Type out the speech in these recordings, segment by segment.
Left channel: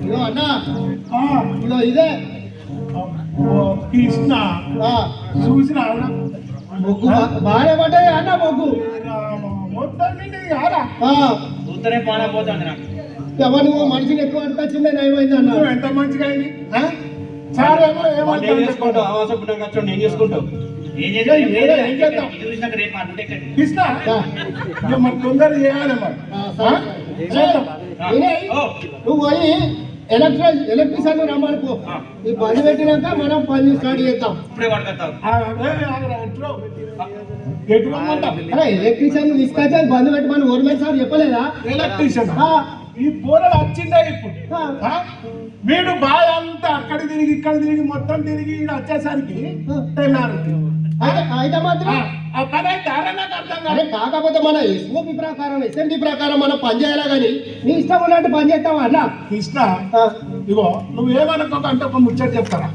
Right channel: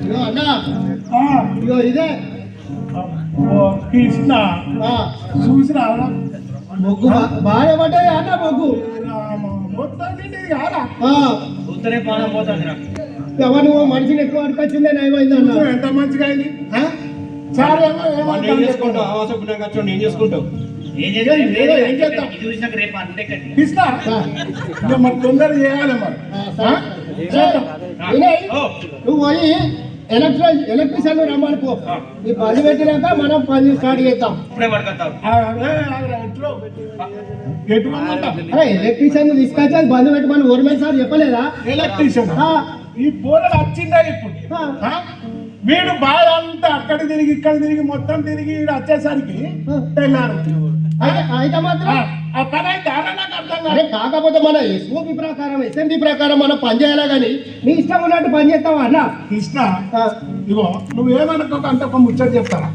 ఇగో అన్న. ఆ, ఇగో ఇదే. కృష్ణ. ఆ, చూసి రావరా మొగ్గు బా- బాగానే పడ్డది అన్న మొగ్గు. మొత్తం పానం పోతుంది నాకు. ఎవరు మనిషిని ఎక్కువ అనిపించిందే నయమైంది అన్న నువ్వు ఎంత మంచిగా అయింది. ఏం చేసుకుంటావు ఏం చేసుకుంటావు ఏం చూసినాక రేపు అంటే మరి తొందర చేయాలి ఓ, నువ్వు పోయి ఎలక్ట్రిక్ ఎలక్ట్రీషియన్ రమ్మని పో. ఈ పని పెట్టినాక మనం పని స్టార్ట్ చేద్దాం. ఇప్పుడే ఎలక్ట్రీషియన్ తీసుకొచ్చి బంద్ పెట్టుకొని సార్ చెప్పలేదా? ఎలక్ట్రీషియన్? ఆ, ఈ పోరలు వచ్చిందా ఇప్పుడు? వీడు బాగా అక్కడ తిరిగి ఇక్కడ తిరిగి మొత్తం తిరిగి వచ్చేసరికి అయితే మాత్రం కాకపోతే మన ఎస్ఓపి ప్రకారం ఎస్ఎంపి ప్రకారం మనం పని చేయాలి కానీ నీ ఇష్టం ఉన్నట్టు పని చేస్తావా అన్న? ఆ, ఇగో నువ్వు ఏమనుకోక అంటే ఒక ముచ్చట చెప్తారా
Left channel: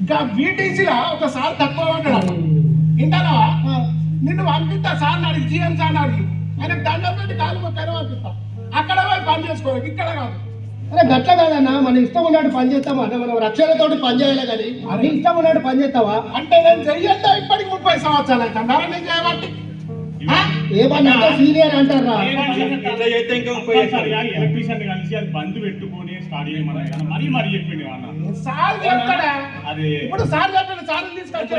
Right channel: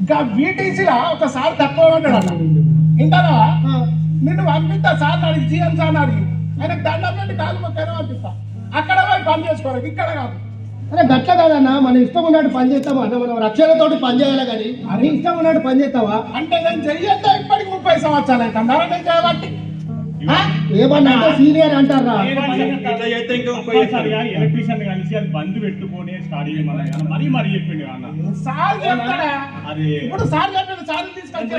ఇంకా వీటీసీలో ఒక సార్ తక్కువ వింటారా ఆ, నిన్ను పంపిస్తా సార్ అడిగి జీఎం సార్ అడిగి. ఆయన దండం పెట్టి కాలు మొక్కనే పంపిస్తా. అక్కడ పోయి పని చేసుకోవాలి ఇక్కడ కాదు. అరే గట్ల కాదన్న మన ఇష్టం ఉన్నట్టు పని చేస్తావా? అన్న మనం రక్షణతోటి పని చేయాలి కానీ నీ ఇష్టం ఉన్నట్టు పని చేస్తావా? అంటే నేను చెయ్యొద్దా ఇప్పటికి ముప్పై సంవత్సరాలు అయితే? నేను చేయబట్టి. ఆ? ఏమన్నా సీనియర్ అంటారా? చేస్తే ఎలక్ట్రీషియన్ కలిసి అది బంద్ పెట్టుకొని స్టార్ట్ చేయమని మరీ మరీ చెప్పిండు అన్న. సార్ చెప్తాడా? అది. ఇప్పుడు సార్ చెప్పిన సార్ తీసుకొని